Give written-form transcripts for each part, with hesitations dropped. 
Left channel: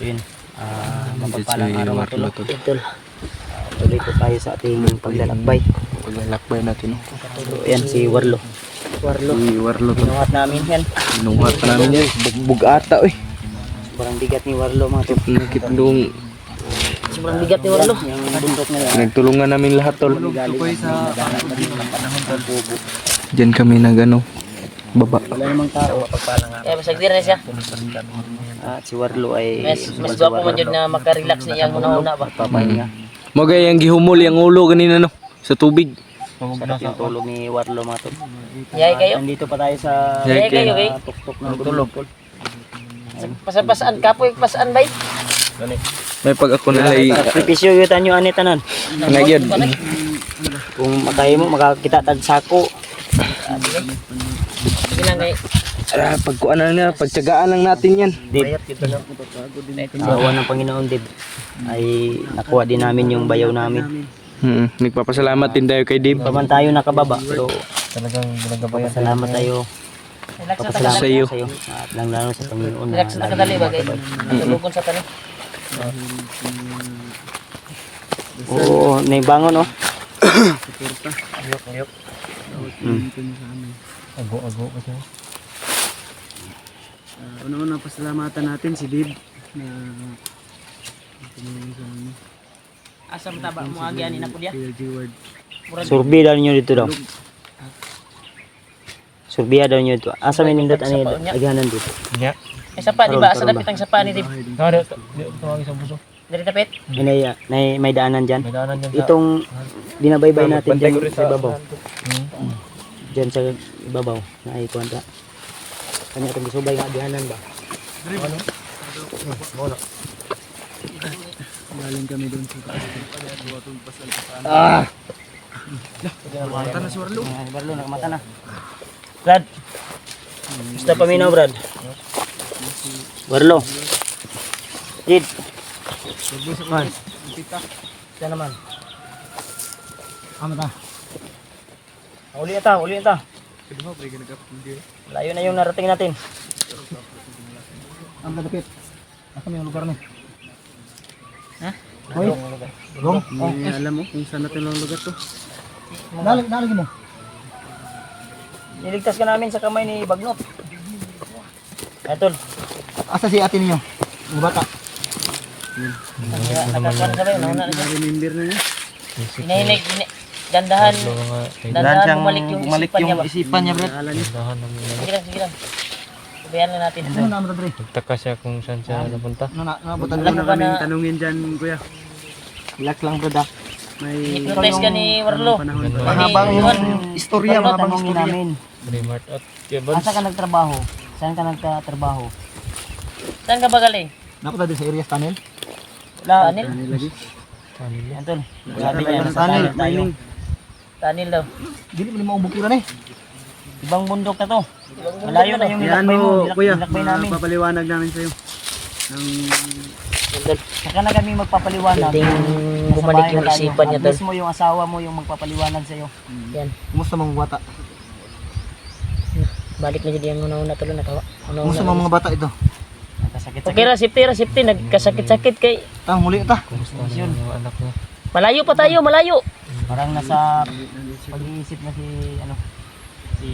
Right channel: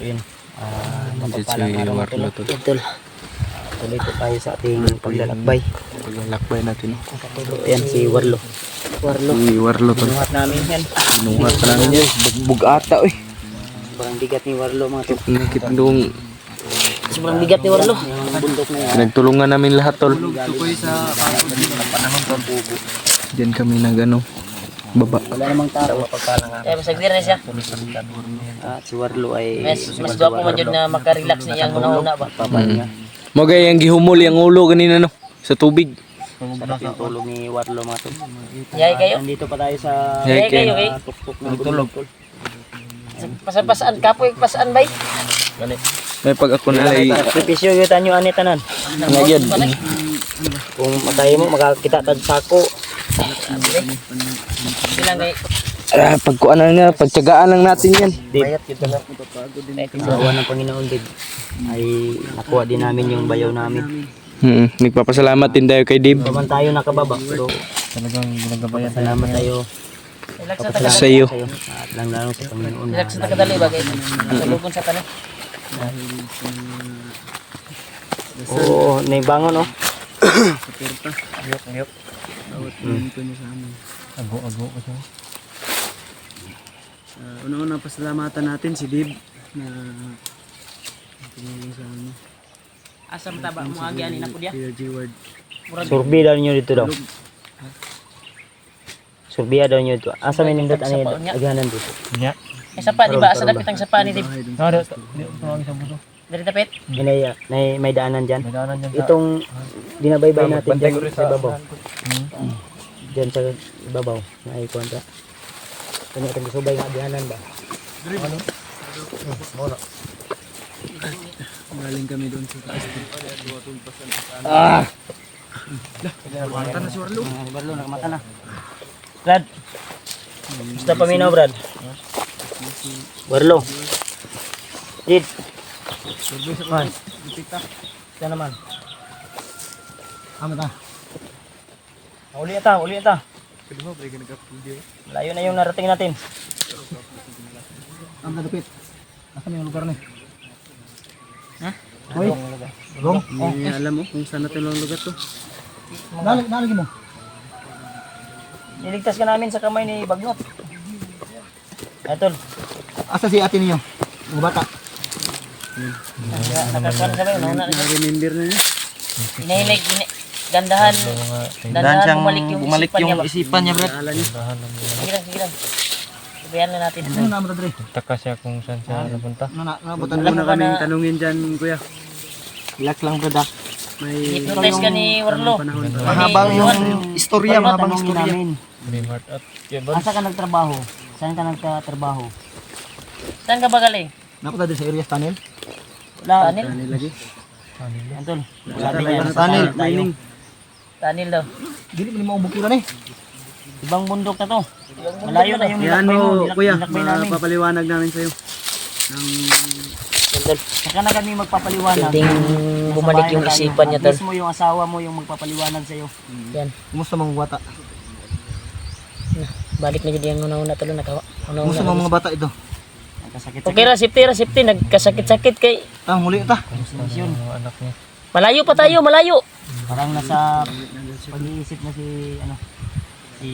Yun. Mapagpalang araw na Warlo, Tol. Tuloy po tayo sa ating paglalakbay. Paglalakbay natin. Yan si Warlo. Si Warlo, Tol. Binuhat namin yan. Binuhat pa namin yan. Bagbug ata, oy. Sobrang bigat ni Warlo mga Tol. Nakitlong. Sobrang bigat ni Warlo. Yung bundok na yan. Nagtulungan namin lahat, Tol. Diyan kami nagano. Baba. Wala namang tao. Kaya masagdir na siya. At si Warlo ay Mas gwapo man yun na makarelax niya ang una-una ba. Magay ang gihumol yung ulo kanina, no? Sa tubig. sarap yung tulog ni Warlo mga Tol. Yay kayo. Nandito pa tayo sa Yay kayo kay. tuktok ng tulog. Pasaan kapoy pasaan bay. May pag ako na ay Sakripisyo yung tanyo ani tanan. ngayon. Kung makaya mo makakita tag sako. Silang kay Pagkuan na, pagtyagaan lang natin yan. bayat kita no. Sa awan ng Panginoon Dib ay nakuha din namin yung bayaw namin. Nagpapasalamat din tayo kay Dib. Pa man tayo nakababa pero Talagang ginagabayan. salamat tayo Relax sa Sa tagadali. iyo. sa iyo at lang lalo sa Panginoon. Relax sa tagadali ba kay. Salubon sa tanim. Oo, may bangon oh. Ayok. Ago kasi. Una-una pasalamatan natin si Dib. Asam taba mo agi ani na pudya. Kuya G-Ward. Survey daw niyo dito daw. Survey daw niyo dito. Asa may nindot ani aghanan dito. Yeah. Ay sapa di ba asa dapit ang sapa ni Dib. Tawag sa buso. Dari tapit. Inaya may daanan diyan. May daanan dyan sa... Itong dinabaybay natin Bantay diyan ko rin sa ibabaw. Diyan sa ibabaw na ay kontra. Kanya itong gisubay nga dihanan ba? Galing kami doon sa taas. Warlo nagmata na. Brad. Gusto paminaw, Brad. Warlo. Did. Man. Ito naman. Amata. Uli ata. Layo na yung narating natin. Ang kadapit. Nasa yung lugar ni. Ha? Hoy. Gong. Oh, Alam mo kung saan natin ang lugar to? Nalagi mo. Niligtas ka namin sa kamay ni Bagnot. Etol. Asa si ate niyo? Yung bata. Nakakuha na sabay nauna na siya. Remember niyo? Inahinig dandahan bumalik yung isipan niya ba. Isipan niya, bro. Sige lang. Sabihan na natin. Ano na mo dre? Nagtaka siya kung saan siya napunta. Ano na nabutan Alam mo ba na Tanungin dyan, kuya. Relax lang, bro. May hypnotize ka ni Warlo? Ay ni Juan. istorya, Ano tanongin namin? Primart at Asa ka nagtrabaho? Saan ka nagtatrabaho? Saan ka ba galing? Napunta din sa area tunnel? Wala. Tanil? Antol. Sabi niya nasa tunnel tayo. Tanil daw. Dili mo ni mo bukiran eh. Ibang bundok na to. Malayo na yung nilakbay mo, kuya. nilakbay namin. Papaliwanag namin sa'yo. Saka na kami magpapaliwanag. Ting Nasa bumalik bahay yung na tayo. isipan niya At tol. mismo yung asawa mo yung magpapaliwanag sa'yo. Yan. Kumusta mga bata? Balik na yun yung una-una tol nakawa. Kumusta Una-una. mga bata ito? Nagkasakit-sakit. Okay ra safety nagkasakit-sakit kay Tang muli ta. yung anak niya. malayo pa tayo, malayo. Parang nasa pag-iisip na si si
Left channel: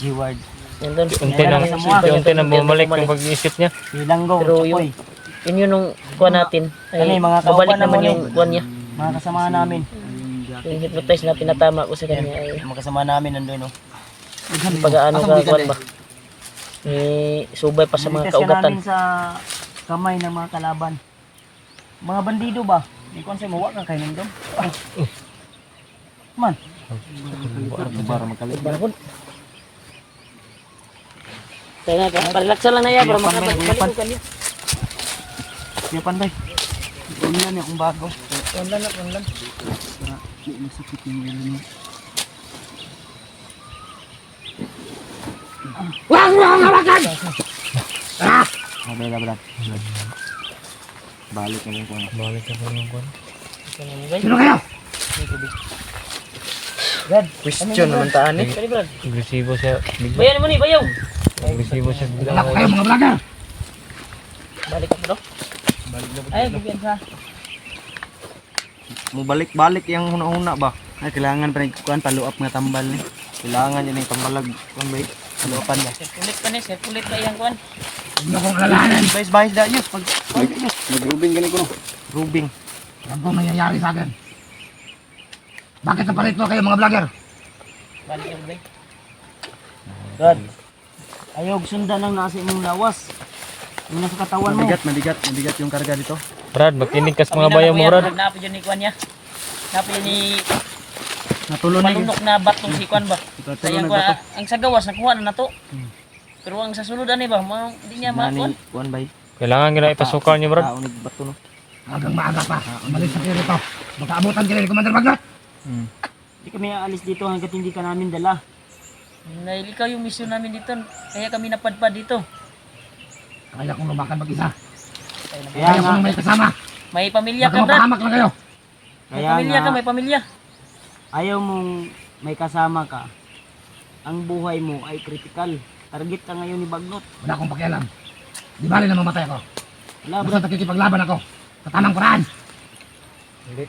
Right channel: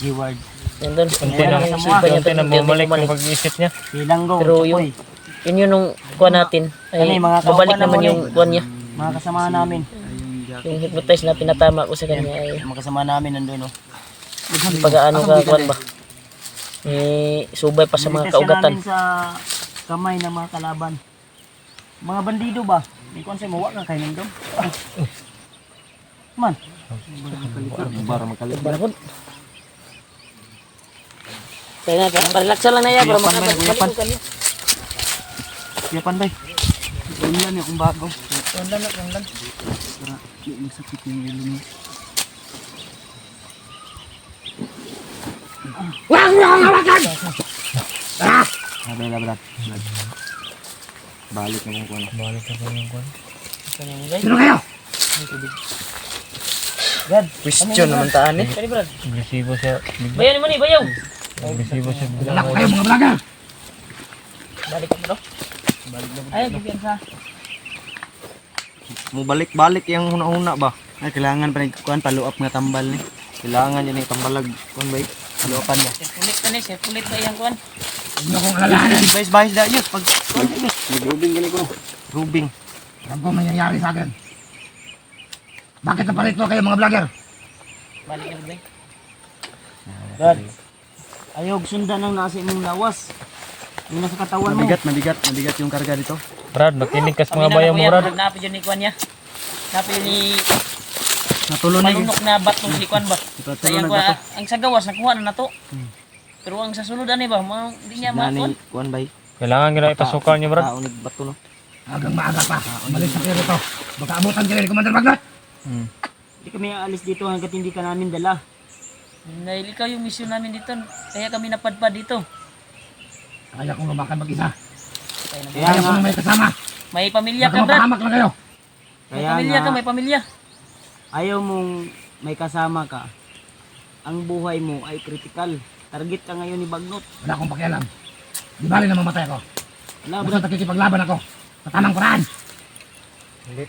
G-Ward. Yan tol. Unti Ayan, na, nakasamuha. unti na bumalik ang pag-iisip niya. Si Langgong, Pero Chapoy. Yun yung kuha natin. Kani, mga kauban babalik na naman mo yung kuha niya. Mga kasama namin. Yung hypnotize na pinatama ko sa kanya ay Yung mga kasama namin nandun, no? pag-aano sa kuwan ba. Subay pa sa mga Niligtas ka kaugatan. namin sa kamay ng mga kalaban. Mga bandido ba? May konsay mo, wak kang kayo nandun. Man. Kaya nga, parelax lang na yan para makabalik ko kanya. Kuya Panday. Ano yan yung bago? Online. Para di masakit yung ulo mo. Sabi na, Brad. Balik na lang. Balik na yung kuwan. Sino kayo? Brad, Question naman taan eh. Kani Brad. Agresibo siya. Bayaw naman ni, bayaw. Agresibo siya. anak ko kayo mga vlogger! Balik ka bro. Ay, bigyan sa. Mubalik-balik yung huna-huna ba? Ay, kailangan pa kuan paluap nga tambal ni. Kailangan yan yung panglalag. Kuan ba? Luapan ba? Sirkulit pa ni, sirkulit pa iyang kuan. Huwag na kong alalahanan. Bahis-bahis da yun. Pag Nag-rubing ganito ko. rubing. Ano kung nangyayari sa akin? Bakit naparito kayo mga vlogger? Balik na bro. Brad, ayog sundan ang nasa imong lawas. Yung nasa katawan mo. Mabigat yung karga dito. Brad, makinig ka sa Kami mga na bayan na mo, kuya, Brad. pag napo yun ni kuan niya. Napo yun ni Natulon malunok na batong si kuan ba. Sa iyang kuan, ang sa gawas nakuha na nato. Pero ang sa sulod ani ba, hindi niya kuan. Kuan ba? Kailangan gina ipasukan niyo, Brad. Unig bato no. Agang maaga pa. Umalis na kayo rito. Baka abutan kayo ni Commander Bagnot. Hindi kami aalis dito hanggat hindi ka namin dala. Dahil ikaw yung mission namin dito, kaya kami napadpad dito. Kaya kong lumakan mag-isa. Kaya na, Kaya kong may kasama. may pamilya Baka ka, Brad. mapahamak lang kayo. May Kaya pamilya nga, ka, may pamilya. ayaw mong may kasama ka. Ang buhay mo ay kritikal. Target ka ngayon ni Bagnot. Wala akong pakialam. Di bali na mamatay ako. Wala, Brad. Basta nakikipaglaban ako. Sa tamang paraan.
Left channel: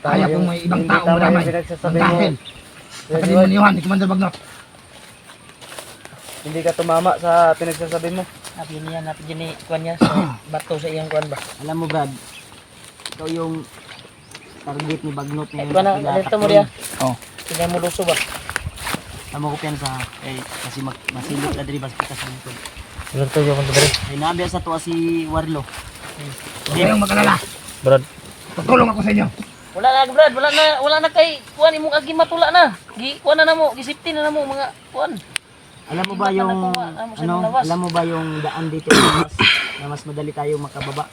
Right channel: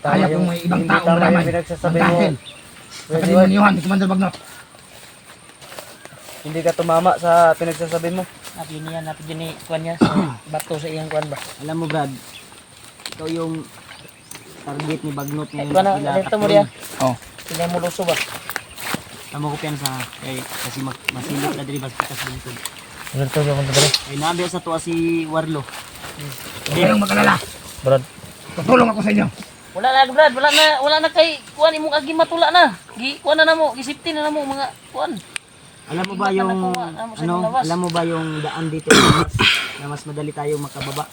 Kaya kung may ibang taong madamay. Ang dahil. Sa kadimunyuhan ni Commander Bagnot. Hindi ka tumama sa pinagsasabi mo. Napin ni kuan niya sa bato sa iyang kuan ba. Alam mo, Brad, ikaw yung target ni Bagnot ngayon Ano, sa ano Pilatak mo yun. diya? Tingnan mo luso ba? Tama ko piyan sa kasi masilip na diri basta sa buntog. Ganito yung mga Brad. Ay nabi sa tuwa si Warlo. Huwag kayong mag-alala. Brad. Tutulong ako sa inyo. Wala na, Brad, wala na kay kuan imong agi matula na. Kuan na namo, gisipti na namo mga kuan. Alam mo ba Iba ka yung nakuha, mo sa ano, lawas. alam mo ba yung daan dito na mas madali tayong makababa?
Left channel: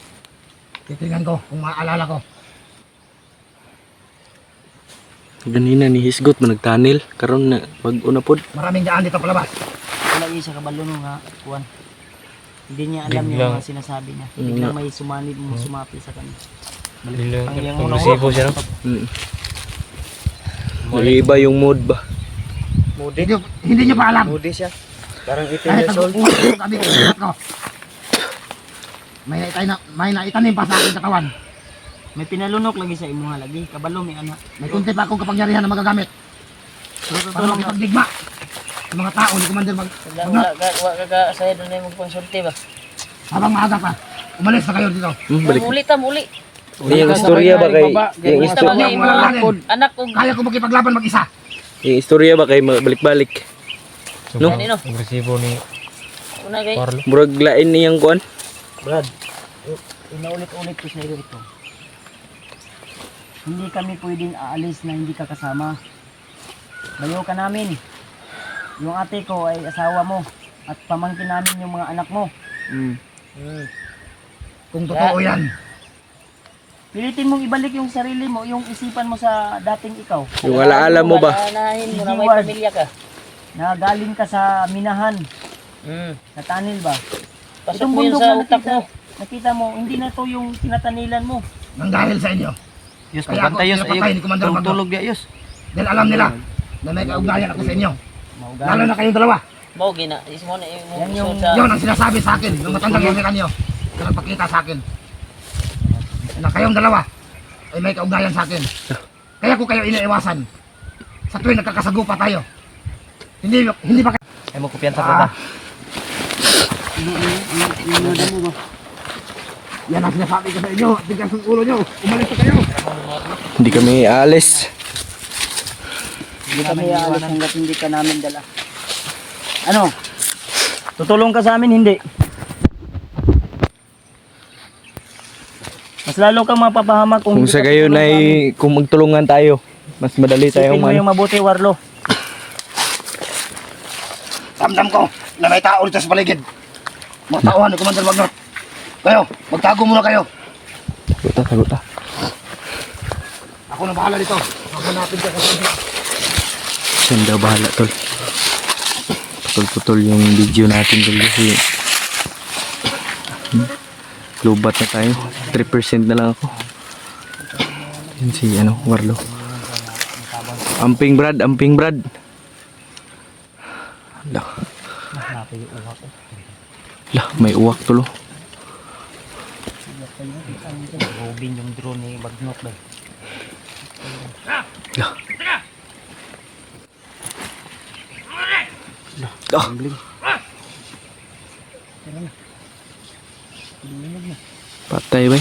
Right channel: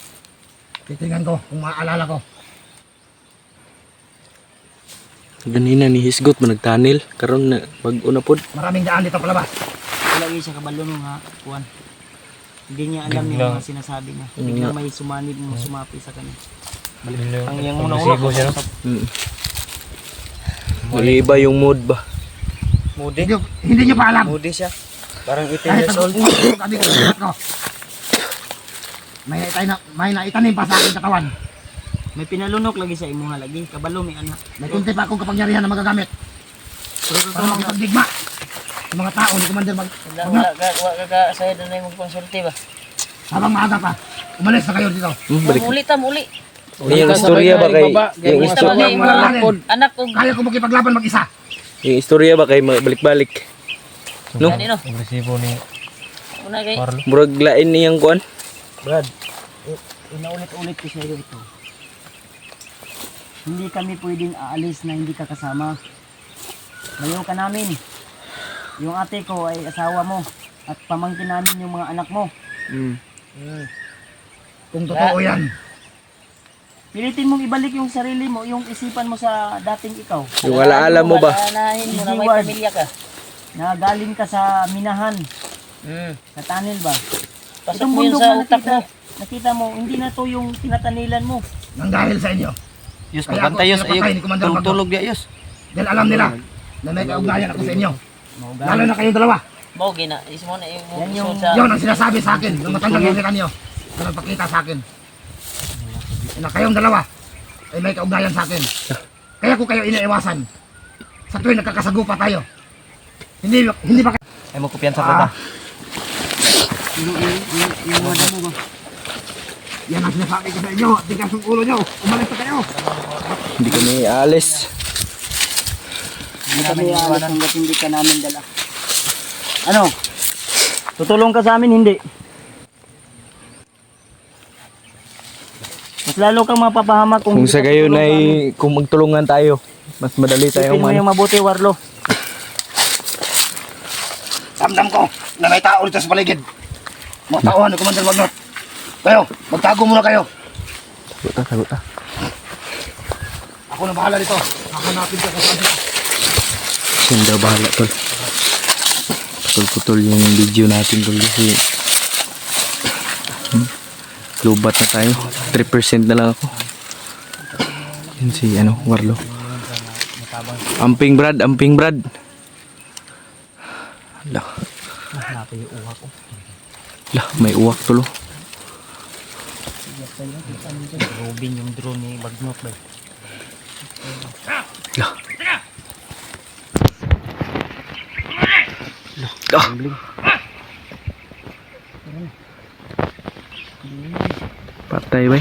Titingnan ko kung maaalala ko. Ganina ni Hisgot man nagtanil karon na bag-o na pod. Maraming daan dito palabas. Wala yun siya kabalo no nga kuan. Hindi niya alam yung mga sinasabi niya. Biglang may sumanib mo sumapi sa kanya. Pag-resibo siya, no? Nag-iiba yung mood ba? Hindi nyo pa alam. Moody siya. Parang 18 Kahit years old. nag-uusap ko kami sa lahat ko. May naitanim pa sa aking katawan. May pinalunok lagi sa imuha lagi. Kabalo may anak. May kunti pa akong kapangyarihan na magagamit. Pero Para tutulong ka. makipagdigma sa mga tao ni Commander Bagnot. Wala ka saya doon na imong konsulti ba. Habang maaga pa, umalis na kayo dito. Balik. Muli ta, muli. Yung istorya ba kay yung Basta ba Huwag niyo kay akong alalahanin. anak ko Kaya ko makipaglaban mag-isa. yung istorya ba kay balik-balik? No? kanino? Agresibo ni Una kay murag lain niyang kuan. Brad, inaulit-ulit ko sa iyo ito. Hindi kami pwedeng aalis na hindi ka kasama. Bayo ka namin. Yung ate ko ay asawa mo at pamangkin namin yung mga anak mo. Kung totoo yan. Pilitin mong ibalik yung sarili mo, yung isipan mo sa dating ikaw. Yung alaala mo ba? anahin mo na may Keyword. pamilya ka. Na galing ka sa minahan, sa tanil ba? Pasok Itong mo yun bundok sa na utak mo. nakita mo, hindi na to yung tinatanilan mo. Nang dahil sa inyo. Yus, Kaya ako pagkantay yus. pinapatay ni Commander Bagnot. Tulog dia yus. Dahil alam nila na may kaugnayan ako sa inyo. Maugali. Lalo na kayong dalawa. Mo gina, is mo na imong Yan yung- sa Yun ang sinasabi sa akin ng matandang kaibigan nyo. Na nagpakita sa akin. Na kayong dalawa ay may kaugnayan sa akin. Kaya ko kayo iniiwasan. Sa tuwing nagkakasagupa tayo. Hindi ba Ay mo kupian sa kota. yan ang sinasabi ko sa inyo. Tigas ng ulo nyo. Umalis na kayo. Hindi kami aalis. Hindi kami aalis hanggat hindi ka namin dala. Ano? Tutulong ka sa amin, hindi. Mas lalo kang mapapahamak Kung hindi sa ka gayon tutulong ay sa amin. kung magtulungan tayo, mas madali Isipin tayong mo man. yung mabuti, Warlo. Ramdam ko na may tao dito sa paligid. Mga tauhan ni Commander Bagnot. Kayo, magtago muna kayo. Taguta. Ako na bahala dito. Hahanapin ka sa kanila. Siya daw bahala tol. Putol-putol yung video natin tol kasi lubat na tayo. 3% na lang ako. Yan si Warlo. Amping Brad. Lah. Lah, may uwak tulo. Robin yung drone ni Bagnok ba? Ah. Patay ba?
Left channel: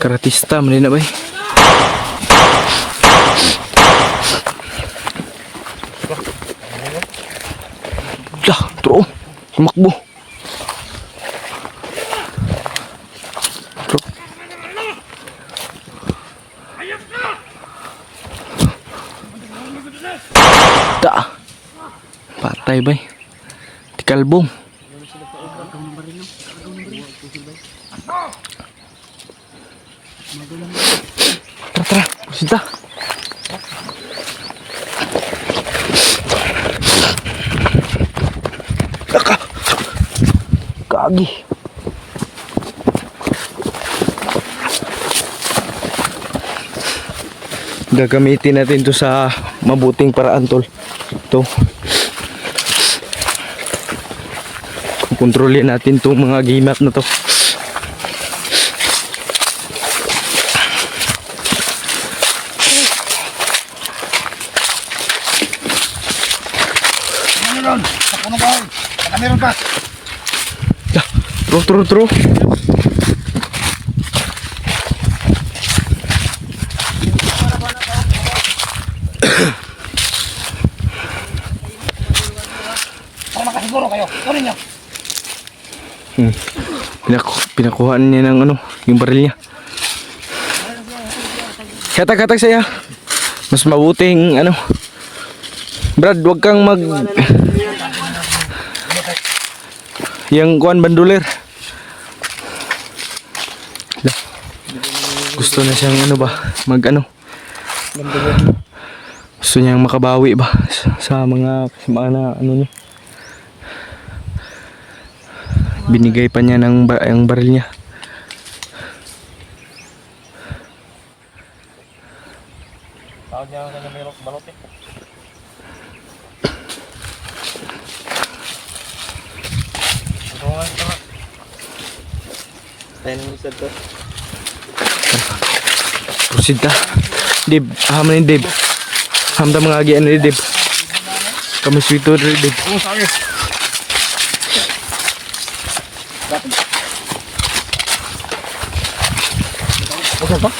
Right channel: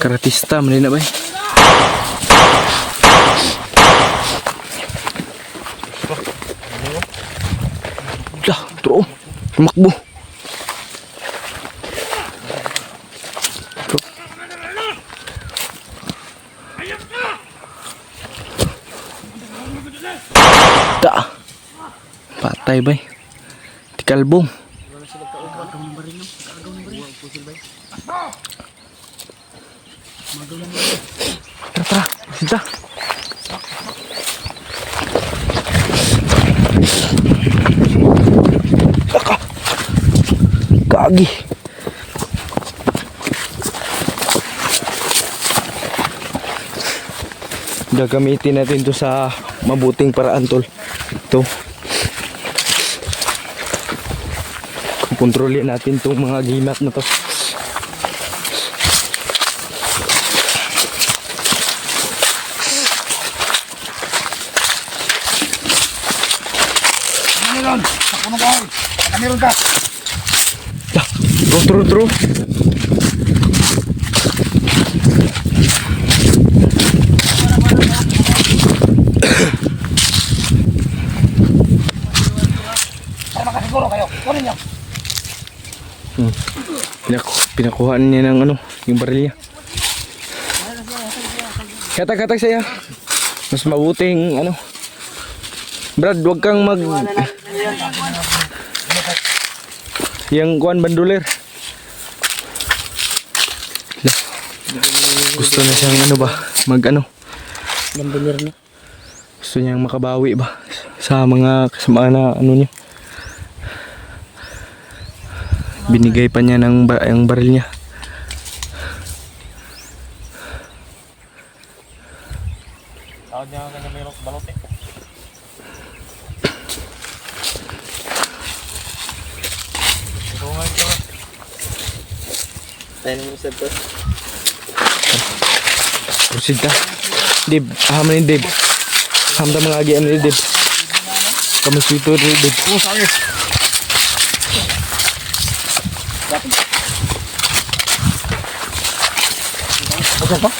Karatista man na ba? Dah, bro. Tumakbo. Da. Patay ba? Tikalbong. Tara, tara. Sita. Laka. Gagi. Gagamitin natin to sa mabuting paraan, tol. Ito. Kontrolin natin tong mga gimat na to. Ano ron? Sa puno bahay. Baka meron ka. Dah, tro. Para makasiguro kayo. Kunin nyo. Pinakuha niya ng ano, yung baril niya. Katag saya. Mas mabuting ano. Brad, wag kang mag yang kuan banduler. Gusto na siyang ano ba, mag ano. Gusto niyang makabawi ba sa mga kasama na ano niya. Binigay pa niya ng ang baril niya. Tawag niya kanya mayroong balot eh. Proceed ka. Dib, haman ni Dib. Hamda mga agian ni Dib. Kamu sweeto ni Dib. Oh, sorry. Pasok pa?